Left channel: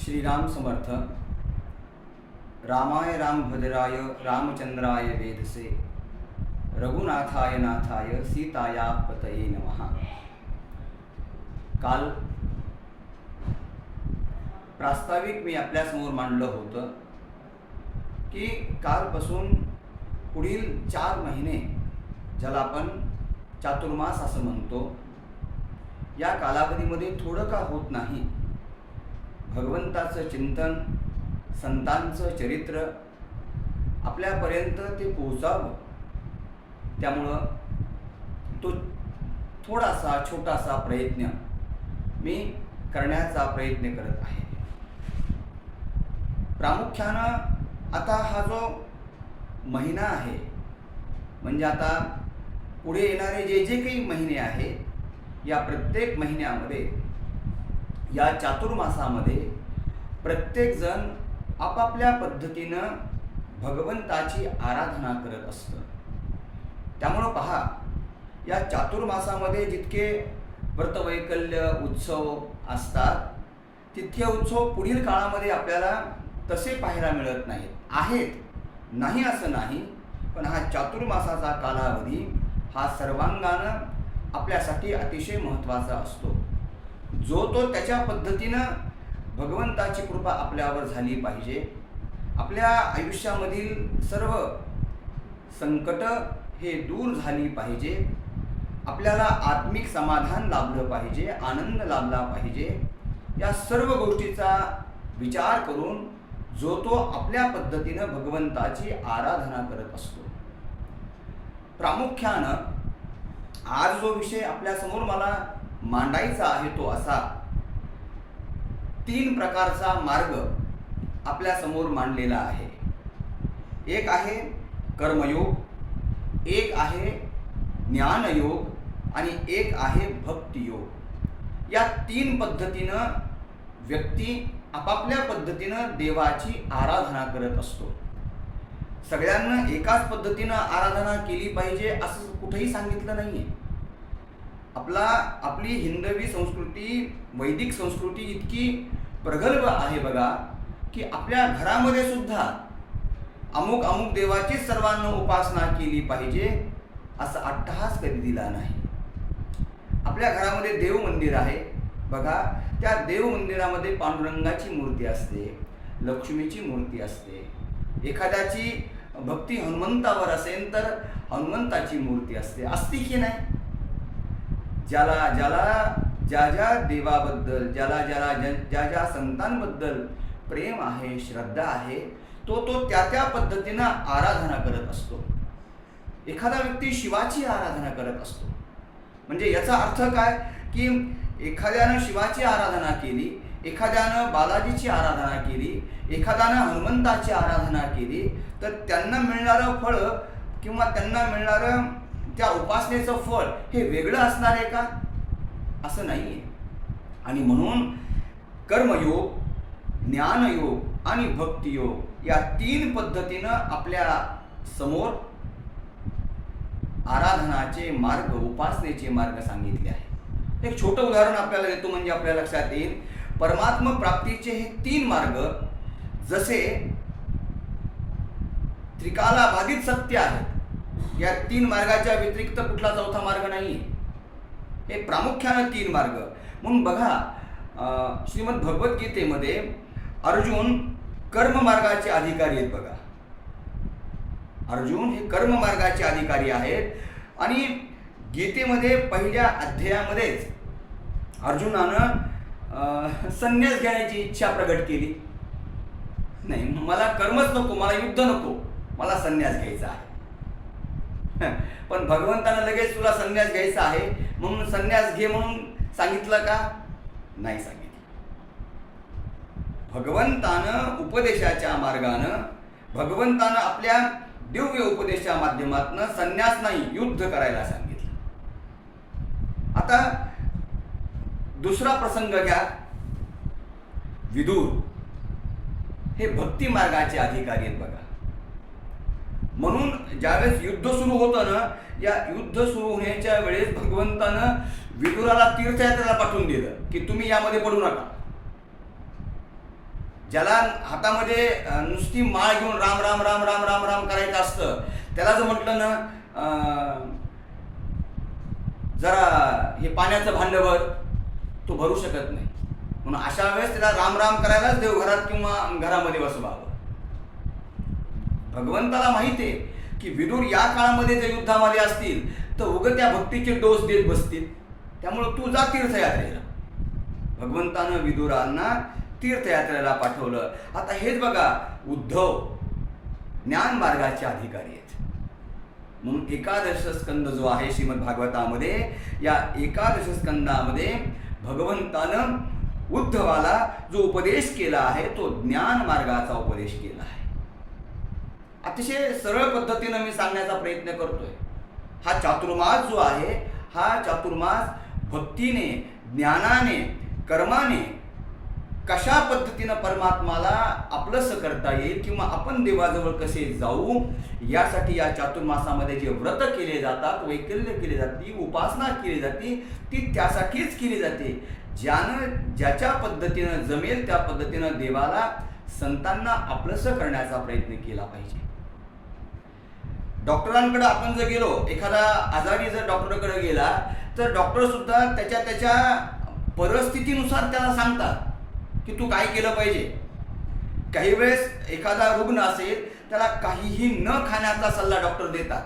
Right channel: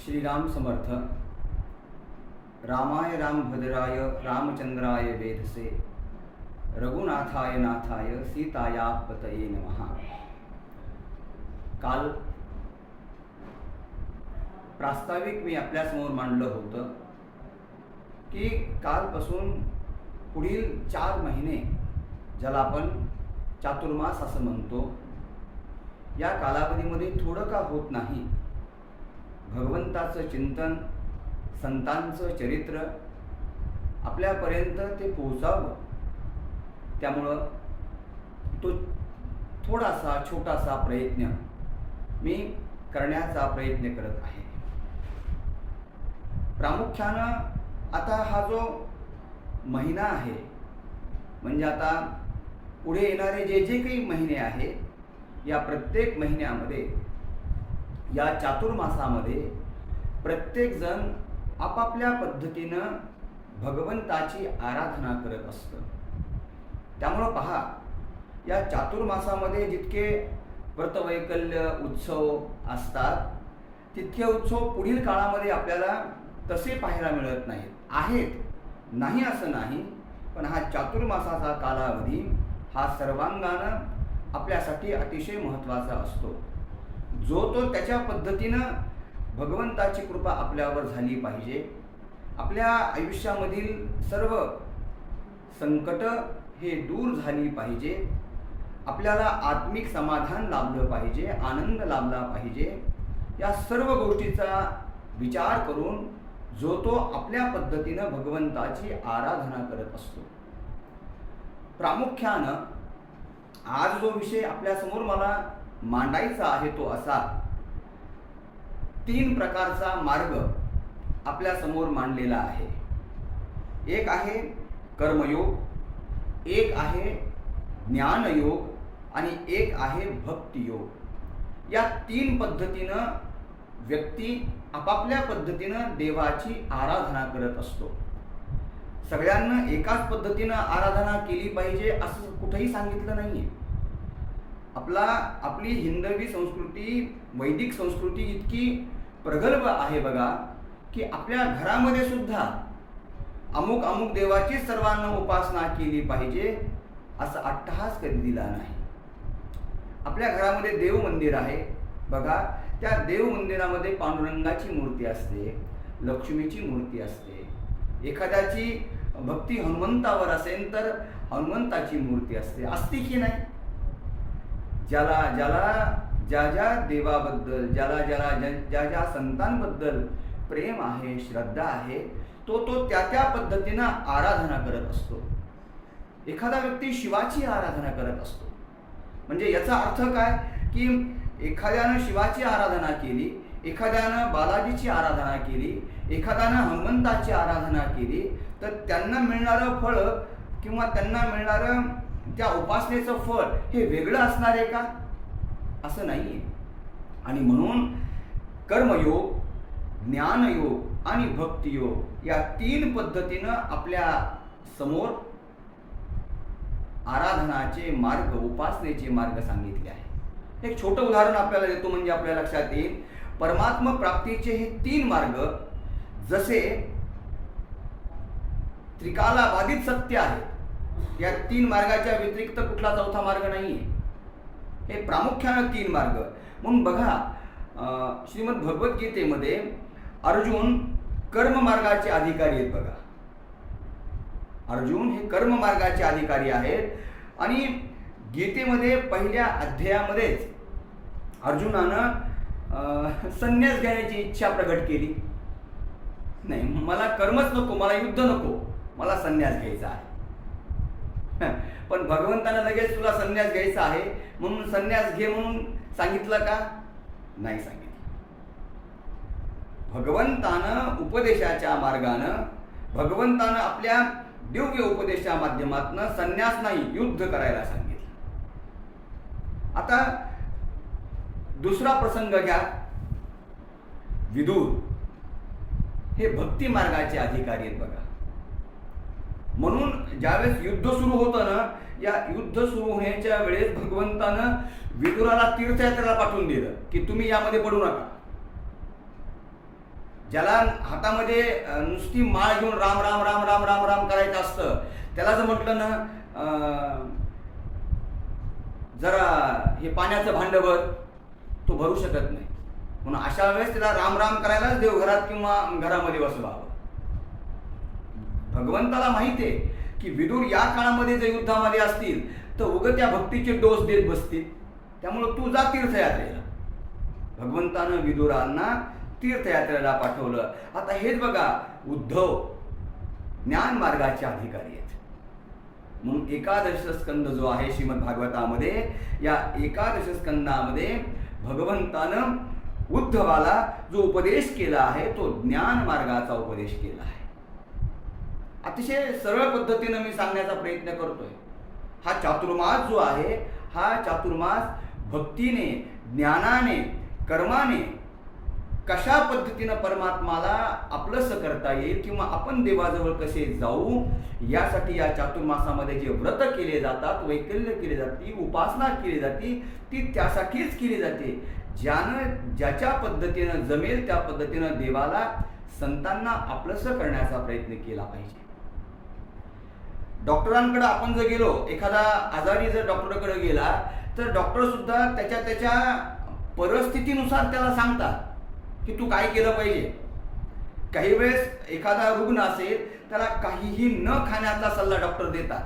श्रीराम समर्थ। रामाय रामभद्राय रामचंद्राय वेधसे, रघुनाथाय नाथाय सीताया पतये नमः। काल प्रास्ताविक मी आपल्यासमोर मांडलं होतं की कालपासून पुढील 4 महिने, ज्याला आपण चातुर्मास असं म्हणतो, या कालावधीमध्ये थोडं का होत नाही, भगवंताचं चिंतन, संतांचं चरित्र आपल्यापर्यंत ते पोहोचावं, त्यामुळं तो थोडासा छोटासा प्रयत्न मी करण्याचा प्रयत्न करत आहे। प्रामुख्यानं आता हा जो महिना आहे, म्हणजे आता पुढे येणारे जे जे काही महिने आहेत, या प्रत्येक महिन्यामध्ये, या चातुर्मासामध्ये प्रत्येकजण आपापल्या पद्धतीनं भगवंताची आराधना करत असतं। त्यामुळं पहा, या चातुर्मासामध्ये जितके व्रतवैकल्य उत्सव असतात, तितके उत्सव पुढील काळामध्ये आपल्याला तसे पाहायला मिळत नाहीत। आहेत, नाही असं नाही, पण हा चातुर्मासाचा कालावधी हा सर्वांगानं आपल्यासाठी अतिशय महत्त्वाचा असतो। जो तो त्याच्या पद्धतीनं भगवंताची कृपा आपल्यावर झाली पाहिजे, आपल्या आयुष्यामधील सर्व संकट हे दूर झाली पाहिजे, आपल्याला आत्मिक समाधान लाभलं पाहिजे, आनंद लाभला पाहिजे, या सर्व गोष्टीचा विचार करून जो तो आपल्या पद्धतीनं भगवंताची आराधना करत असतो। प्रामुख्यानं आज जो विषय आपल्यासमोर मला मांडायचा आहे तो असा, 3 प्रकारचा मार्ग आपल्यासमोर मांडलेला आहे। एक आहे कर्मयोग, एक आहे ज्ञानयोग आणि एक आहे भक्तियोग। या 3 पद्धतीनं व्यक्ती आपापल्या पद्धतीनं देवाची आराधना करत असतो। सगळ्यांना एकाच पद्धतीनं आराधना केली पाहिजे असं कुठेही सांगितलं नाहीये। आपली हिंदवी संस्कृती, वैदिक संस्कृती इतकी प्रगल्भ आहे बघा, की आपल्या घरामध्ये सुद्धा अमुक अमुक देवाची सर्वांना उपासना केली पाहिजे असा अट्टहास कधी दिला नाही। आपल्या घरामध्ये देव मंदिर आहे बघा, त्या देव मंदिरामध्ये पांडुरंगाची मूर्ती असते, लक्ष्मीची मूर्ती असते, एखाद्याची भक्ती हनुमंतावर असेल तर हनुमंताची मूर्ती असते की नाही? ज्याला ज्या देवाबद्दल, ज्या संतांबद्दल प्रेम आहे, श्रद्धा आहे, तो त्या पद्धतीनं आराधना करत असतो। एखादा व्यक्ती शिवाची आराधना करत असतो, म्हणजे याचा अर्थ काय की एखाद्यानं शिवाची आराधना केली, एखाद्यानं बालाजीची आराधना केली, एखाद्यानं हनुमंताची आराधना केली, तर त्यांना मिळणारं फळ किंवा त्यांना मिळणारं त्या उपासनेचं फळ हे वेगळं असणार आहे का? असं नाहीये। आणि म्हणून कर्मयोग, ज्ञानयोग आणि भक्तियोग या 3 पद्धतीनं आपल्या समोर आराधनाचे मार्ग, उपासनेचे मार्ग सांगितले आहे। एक छोटं उदाहरण आपल्याला देतो, म्हणजे आपल्या लक्षात येईल। परमात्म प्राप्तीचे हे 3 मार्ग जसे त्रिकालाबाधित सत्य आहेत, या 3 मार्गाच्या व्यतिरिक्त कुठला चौथा मार्ग नाहीये। हे प्रामुख्याने 3 मार्ग म्हणून बघा, श्रीमद भगवद्गीतेमध्ये अर्जुन कर्म मार्गाचे अधिकारी आहेत बघा। अर्जुन हे कर्म मार्गाचे अधिकारी आहेत, आणि गीतेमध्ये पहिल्या अध्यायामध्येच अर्जुनानं संन्यास घेण्याची इच्छा प्रकट केली। नाही, मला कर्मच नको, मला युद्ध नको, मला संन्यास घ्यायचा आहे। पण भगवंतानं लगेच तुला संन्यास घ्यायचा आहे म्हणून संन्यास घे म्हणून सांगितलं का? नाही सांगितलं। भगवंतानं उपदेशाच्या मार्गानं, भगवंतानं आपल्या दिव्य उपदेशा माध्यमातून संन्यास नाही, युद्ध करायला सांगितलं। आता दुसरा प्रसंग घ्या, विदुर हे भक्ती मार्गाचे अधिकारी आहेत बघा। म्हणून ज्यावेळेस युद्ध सुरू होतं ना, या युद्ध सुरू होण्याच्या वेळेस भगवंतानं विदुराला तीर्थयात्रेला पाठवून दिलं की तुम्ही यामध्ये पडू नका। ज्याला हातामध्ये नुसती माळ घेऊन राम राम राम राम राम राम करायचं असतं, त्याला जर म्हटलं ना जरा हे पाण्याचं भांडं भर, तो भरू शकत नाही. म्हणून अशा वेळेस त्याला राम राम करायलाच देवघरात किंवा घरामध्ये बसवावं. भगवंताला माहिती आहे की विदुर या काळामध्ये जर युद्धामध्ये असतील तर उगं त्या भक्तीचे डोस देत बसतील. त्यामुळं तू जा तीर्थयात्रेला. भगवंतानं विदुरांना तीर्थयात्रेला पाठवलं. आता हेच बघा, उद्धव ज्ञान मार्गाचे अधिकारी आहेत. म्हणून एकादश स्कंद जो आहे श्रीमद भागवतामध्ये, या एकादश स्कंदामध्ये भगवंतानं उद्धवाला जो उपदेश केला आहे तो ज्ञान मार्गाचा उपदेश केला आहे. अतिशय सरळ पद्धतीनं मी सांगण्याचा प्रयत्न करतोय. हा चातुर्मास जो आहे, हा चातुर्मास भक्तीने, ज्ञानाने, कर्माने कशा पद्धतीनं परमात्माला आपलंसं करता येईल किंवा आपण देवाजवळ कसे जाऊ, यासाठी या चातुर्मासामध्ये जे व्रत केले जातात, वैकल्य केली जाते, उपासना केली जाते, ती त्यासाठीच केली जाते. ज्याच्या पद्धतीनं जमेल त्या पद्धतीनं देवाला, संतांना आपलंसं करण्याचा प्रयत्न केला पाहिजे. डॉक्टरांकडे आपण जर गेलो, एखादा आजारी जर डॉक्टरकडे गेला तर डॉक्टर सुद्धा त्याच्या परिस्थितीनुसार त्याला सांगतात की तू काय केलं पाहिजे. काही वेळेस एखादा रुग्ण असेल त्याला काहीही न खाण्याचा सल्ला डॉक्टर देतात,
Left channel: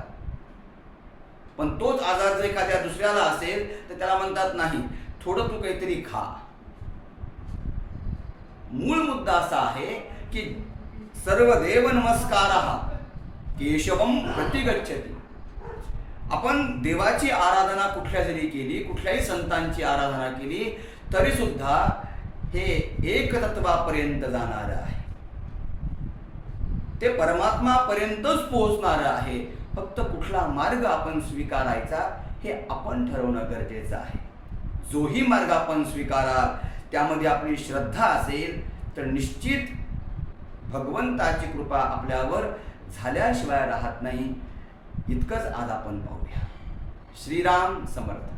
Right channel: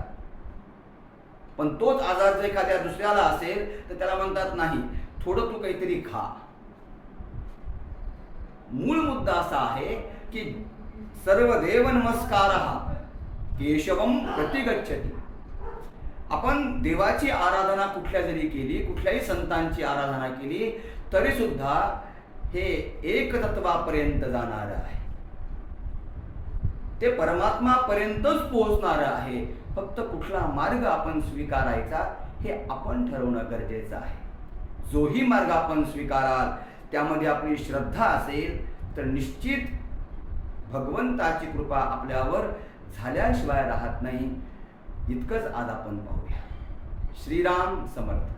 पण तोच आजार जर एखाद्या दुसऱ्याला असेल तर त्याला म्हणतात नाही, थोडं तू काहीतरी खा. मूळ मुद्दा असा आहे की सर्वदेव नमस्कारः केशवम प्रतिगच्छति. आपण देवाची आराधना कुठल्या जरी केली, कुठल्याही संतांची आराधना केली तरी सुद्धा हे एक तत्वापर्यंत जाणार आहे, ते परमात्मापर्यंतच पोहोचणार आहे. फक्त कुठला मार्ग आपण स्वीकारायचा हे आपण ठरवणं गरजेचं आहे. जोही मार्ग आपण स्वीकाराल त्यामध्ये आपली श्रद्धा असेल तर निश्चित भगवंताची कृपा आपल्यावर झाल्याशिवाय राहत नाही. इतकंच आज आपण पाहूया. श्रीराम समर्थ.